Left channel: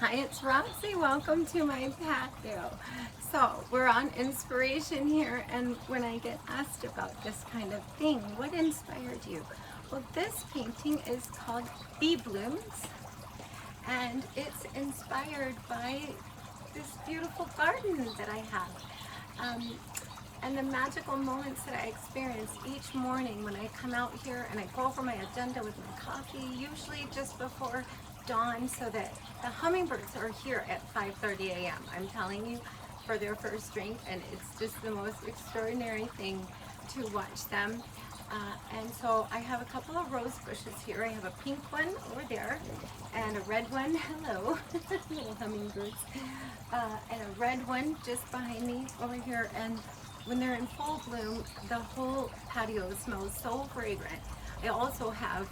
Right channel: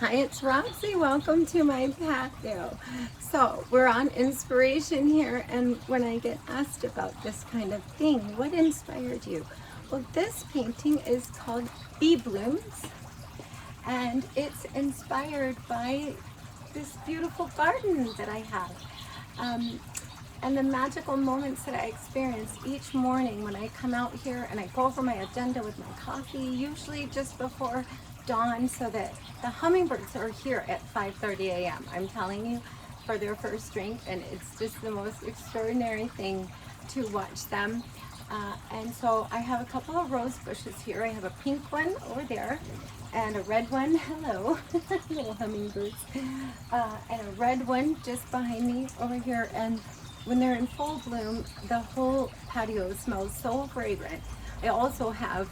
Hi, it's Roxy. Welcome to my patio. So we're on inspiration here, and when I get asked about this kind of thing, what inspired you? Well, this painting is called Bee Blooms, and it's inspired by this beautiful garden that I have. Um, and the magical moments that I experience each morning when I come out here and I go over my agenda with my coffee, usually just before dawn, so that the hummingbirds are here at 5:30 a.m. I'm telling you, for their first drink, and it's just the most extraordinary thing to watch them. And so I have a couple of rose bushes here. I have a pink one over there and a red one, hello, little hummingbirds, and a red one just behind me over here. And when they're in full bloom, the whole patio smells so fragrant. I also have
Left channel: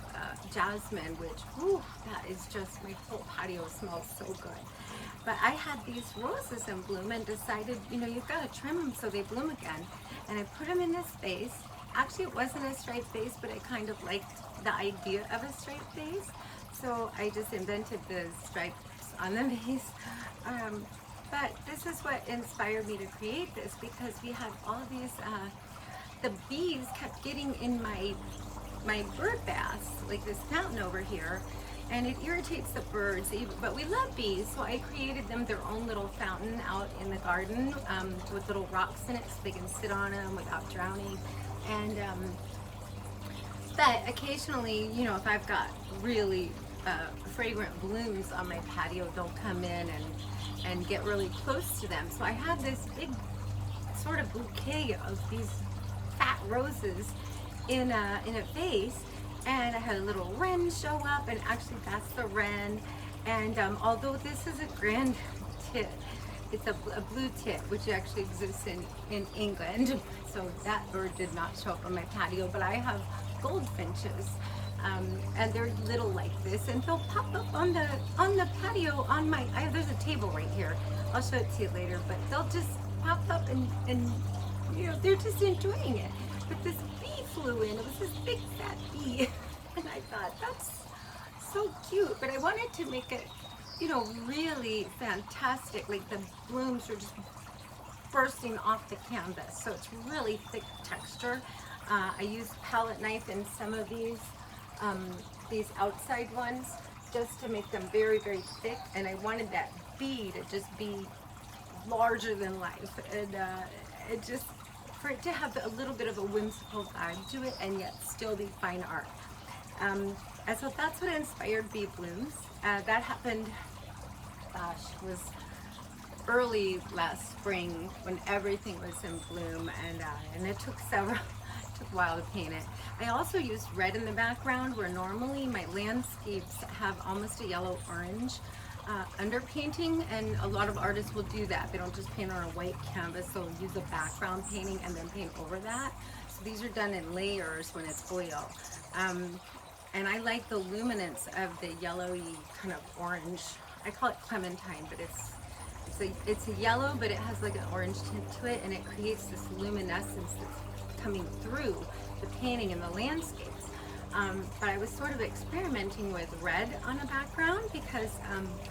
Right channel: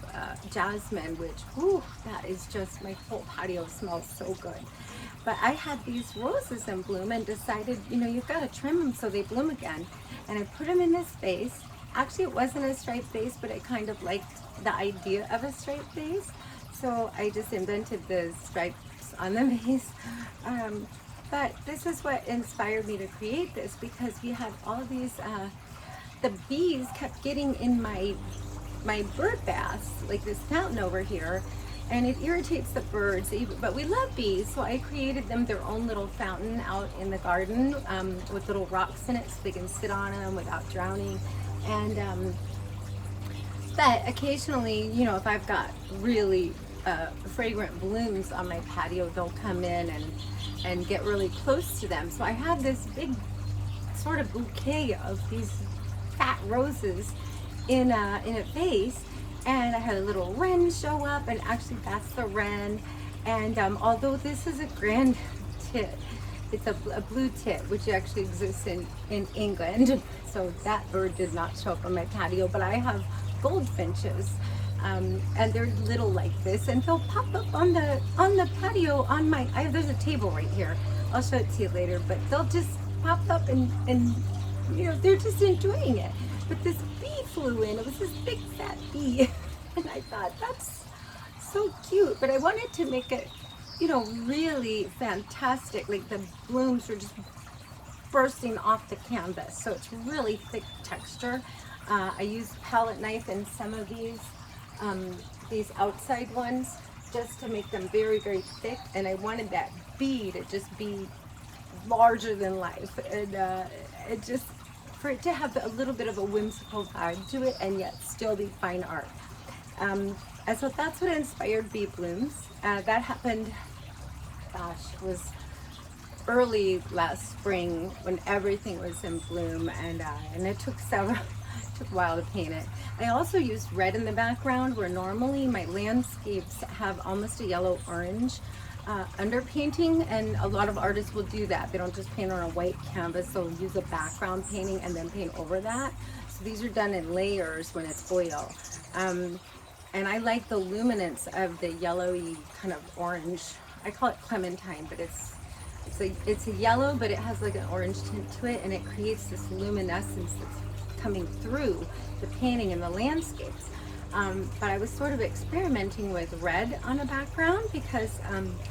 jasmine, which, whew, that is just, my whole patio smells so good. But I had these roses in bloom and decided, you've got to trim them so they bloom again. And I put them in this vase. Actually, it wasn't a striped vase, but I kind of liked the idea of a striped vase. So I just invented the stripes on the vase. But this is what inspired me to create this, because we had all these, the bees kept getting in my bird baths, like this fountain over here, and it irritates the birds, but we love bees, so I created them their own little fountain out in the garden, with little rocks in it so they can sit on them without drowning. And but occasionally, if I've got really fragrant blooms on my patio, they'll come in and get really close to them. So I had this big sort of bouquet of these fat roses in a vase, and I had a little wren show up, and actually that's the wren. And although this is a grand tit, it's a blue tit, which actually exists in England. So that bird did not show up on my patio, but I have goldfinches, and they're little like this, and they'll pop up on the patio on my. There's a table right here. I'll show it to you later, but they'll just pop up and they're just enjoying it. But this bee flew in. It was this big fat bee, and I thought that's so cute. But I wanted to make it, really fantastic. Like the blooms are just bursting off the canvas, so it's really thick texture. I used palette knife in some of these outside ones just to make them very, very thick, and I wanted that bee to just be larger than life, and it just, for it to have a little bit of a whimsical vibe to it and yet still be fine art. And so that's what inspired Bee Blooms. That happened, gosh, it was early last spring when everything was in bloom, and it took took a while to paint it. I also used red in the background, where normally my landscapes have almost a yellow orange underpainting, and a lot of artists will do that. They don't just paint on a white canvas, they'll use a background painting and then paint over that. So these are done in layers when it's oil. And I like the luminance of the yellowy kind of orange. I call it clementine, but it's a yellow, but it has like an orange tint to it, and it creates this luminescence that's coming through the painting and the landscapes. But I was sort of experimenting with red on a background because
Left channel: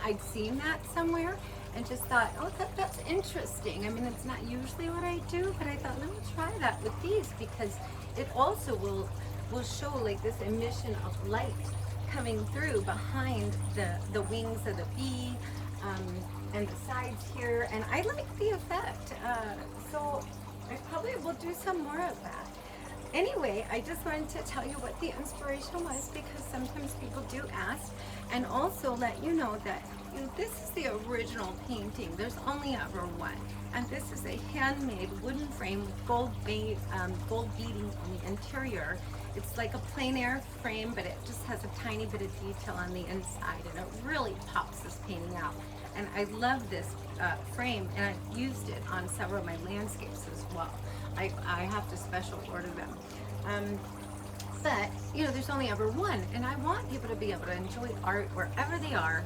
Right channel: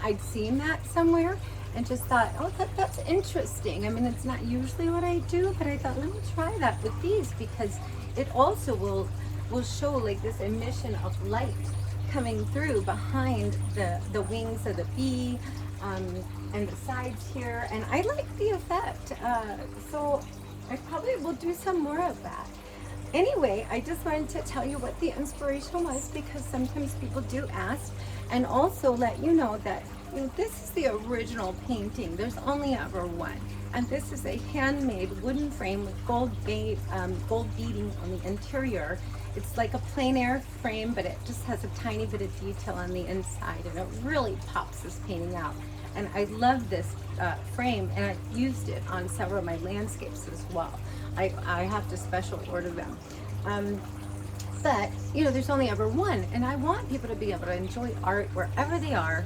I'd seen that somewhere and just thought, oh, that's interesting. I mean, it's not usually what I do, but I thought, let me try that with these, because it also will show like this emission of light coming through behind the wings of the bee, and the sides here, and I like the effect. So I probably will do some more of that. Anyway, I just wanted to tell you what the inspiration was, because sometimes people do ask, and also let you know that this is the original painting. There's only ever one, and this is a handmade wooden frame with gold beading on the interior. It's like a plein air frame, but it just has a tiny bit of detail on the inside, and it really pops this painting out. And I love this frame, and I've used it on several of my landscapes as well. I have to special order them. But, there's only ever one, and I want people to be able to enjoy art wherever they are.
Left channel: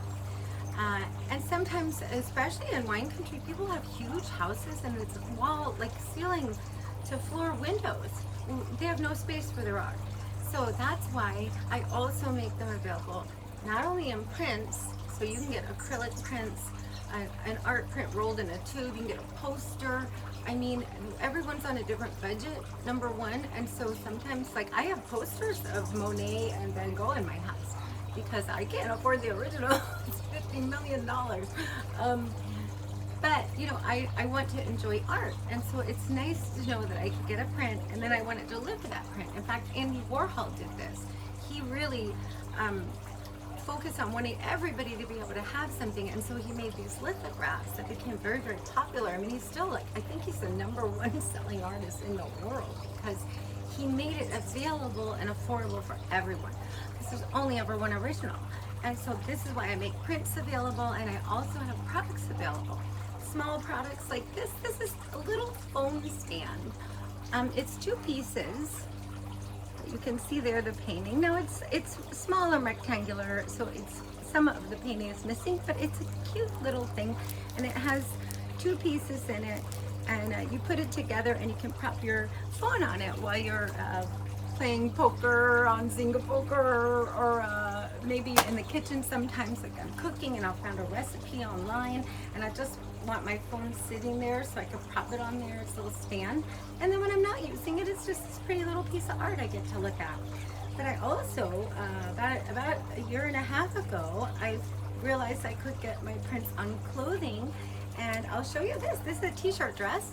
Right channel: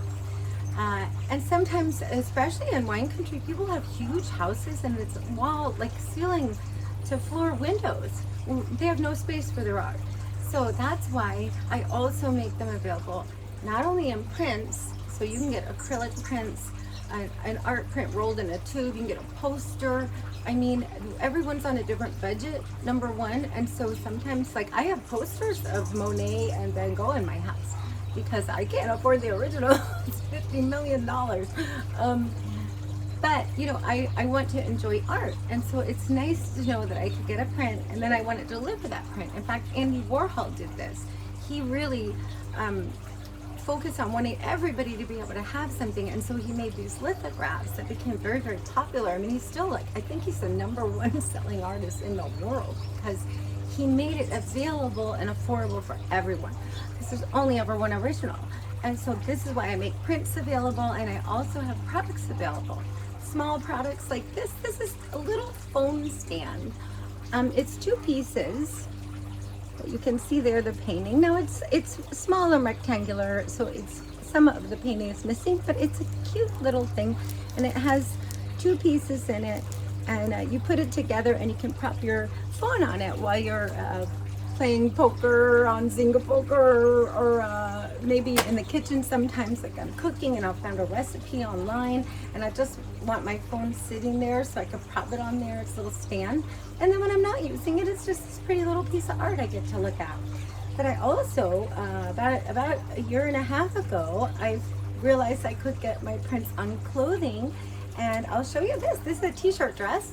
And sometimes, especially in wine country, people have huge houses, and it's like ceiling to floor windows. They have no space for their art. So that's why I also make them available not only in prints, So you can get acrylic prints, an art print rolled in a tube, you can get a poster. I mean, everyone's on a different budget, number one, and so sometimes, like, I have posters of Monet and Van Gogh in my house because I can't afford the original. It's $50 million. But, you know, I want to enjoy art, and so it's nice to know that I could get a print, and then I wanted to live for that print. In fact, Andy Warhol did this. He really focused on wanting everybody to be able to have something, and so he made these lithographs that became very, very popular. I mean, he's still, like, I think he's the #1 selling artist in the world because he made it available and affordable for everyone. This is only ever one original, and so this is why I make prints available, and I also have products available. Small products like this. This is a little foam stand. It's 2 pieces. You can see there the painting. Now it's small and rectangular, so it's some of the painting is missing, but it's a cute little thing, and it has 2 pieces in it, and you put it together, and you can prop your phone on it while you're playing poker on Zynga Poker, or maybe in the kitchen sometimes, like I'm cooking and I'll find a recipe online and I just want my phone sitting there so I can prop it on there. It's a little stand. And then when I'm not using it, it's just this pretty little piece of art I get to look at. But I also, about a year and a half ago, I realized I could get my prints on clothing, and I'll show you this. This is a t-shirt dress.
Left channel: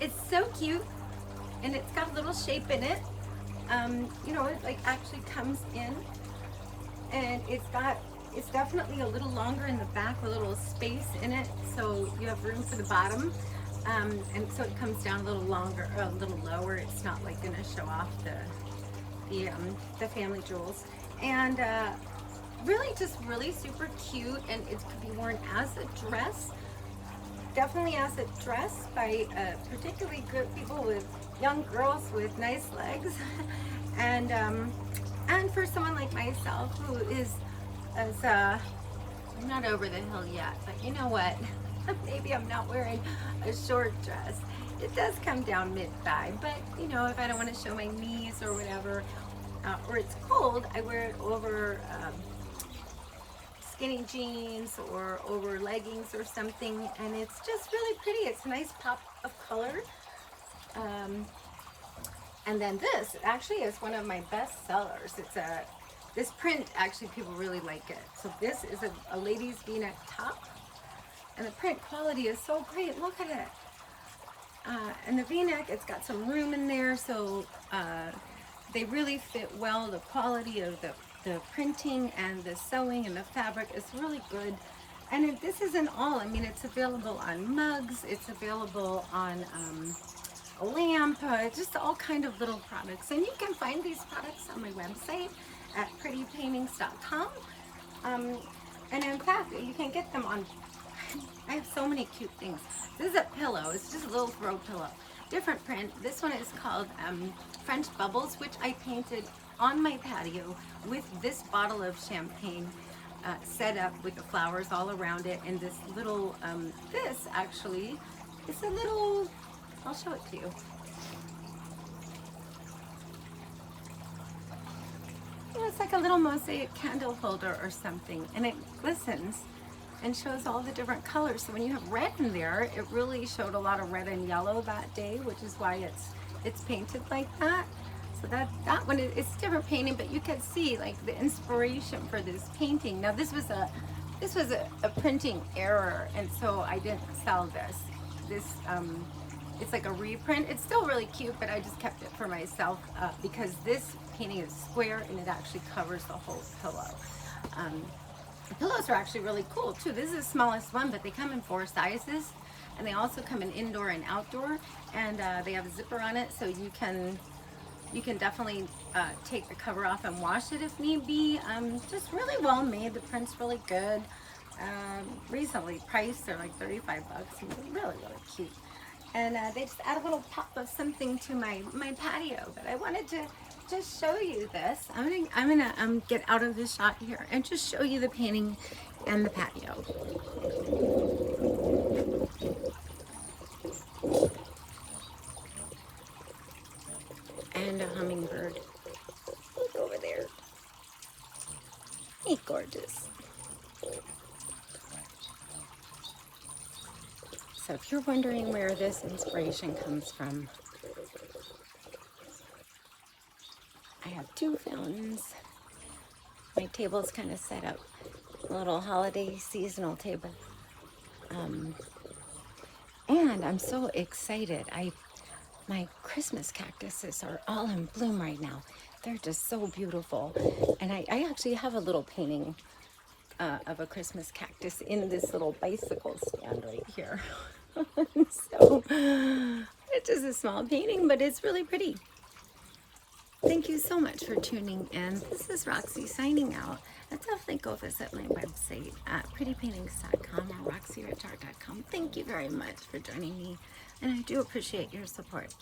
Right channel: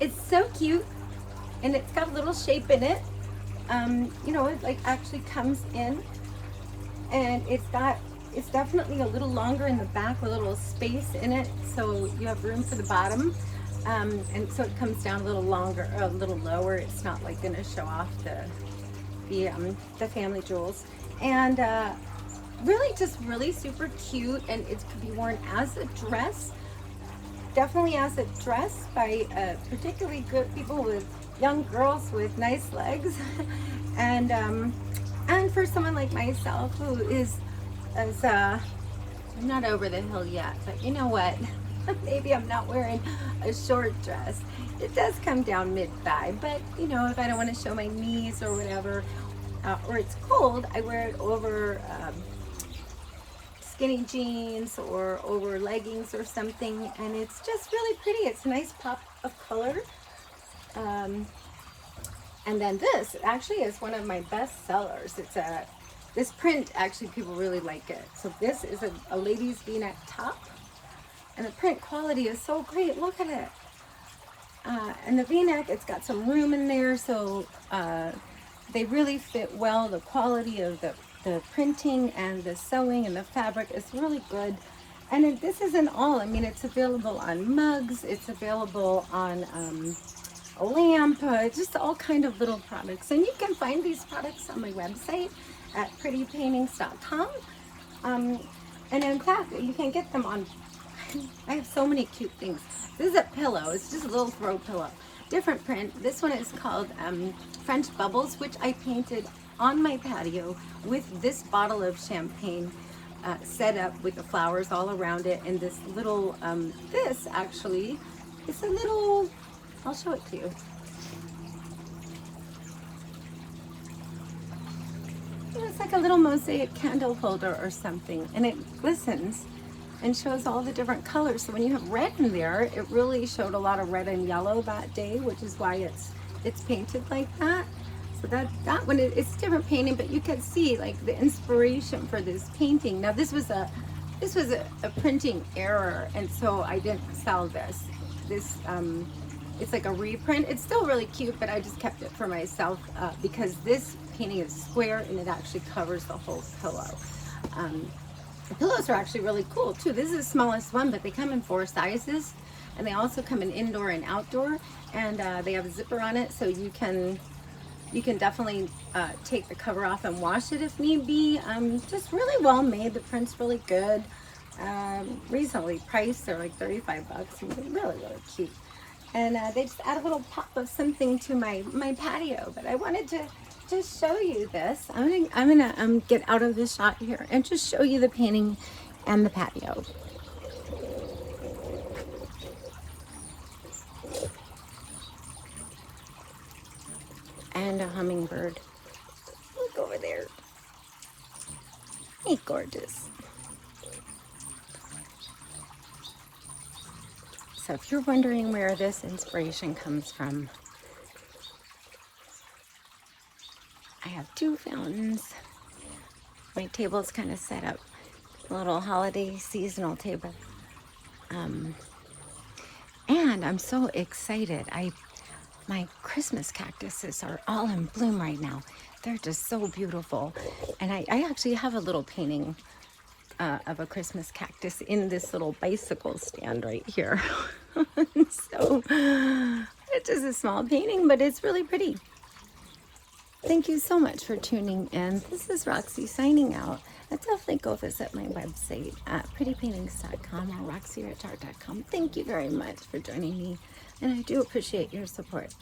It's so cute. And it's got a little shape in it. You know, it like actually comes in, and it's definitely a little longer in the back with a little space in it, so you have room for the bottom. And so it comes down a little longer, a little lower. It's not like gonna show off the family jewels. And really super cute, and it could be worn as a dress. Definitely as a dress by particularly good people with young girls with nice legs, and for someone like myself who is I'm not over the hill yet, but you know what? Maybe I'm not wearing a short dress. It does come down mid-thigh, but you know, if I don't want to show my knees or whatever, or it's cold, I wear it over skinny jeans or over leggings or something, and it's just really pretty. It's a nice pop of color. And then this actually is one of my best sellers. It's this print, actually people really like it. So this is a lady's v-neck top, and the print quality is so great. Look at it. And the v-neck, it's got some room in there, so they really fit well. The quality of the printing and the sewing and the fabric is really good. And this isn't all. I mean, it's available on mugs. It's available on a lamp, just all kind of little products. And you can find these products on my website at prettypaintings.com. And in fact, you can get them on, I have so many cute things. This is a pillow. It's just a little throw pillow. Different print. This one is called French Bubbles, which I painted on my patio with this bottle of champagne set up with the flowers all around it. And this little, this actually is a little, I'll show it to you. It's like a little mosaic candle holder or something, and it glistens and shows all the different colors. So when you have red in there, it really showed a lot of red and yellow that day, which is why it's painted like that. So that one, it's different painting, but you can see like the inspiration for this painting. Now this was a printing error, and so I didn't sell this. It's like a reprint. It's still really cute, but I just kept it for myself because this painting is square and it actually covers the whole pillow. The pillows are actually really cool too. This is the smallest one, but they come in 4 sizes, and they also come in indoor and outdoor, and they have a zipper on it, so you can definitely take the cover off and wash it if need be. Just really well made. The print's really good. Reasonably priced. They're like 35 bucks. Really, really cute. And they just add a little pop of something to my patio. But I wanted to just show you this. I'm gonna get out of the shot here and just show you the painting and the patio. And a hummingbird. Look over there. Hey, gorgeous. So if you're wondering where this inspiration comes from, I have two fountains. My table's kind of set up, a little holiday seasonal table. And I'm so excited. My Christmas cactuses are all in bloom right now. They're just so beautiful. And I actually have a little painting of a Christmas cactus in this little bicycle stand right here. So it's just a small painting, but it's really pretty. Thank you so much for tuning in. This is Roxy signing out. Definitely go visit my website at prettypaintings.com or roxyrachart.com. Thank you very much for joining me, and I do appreciate your support.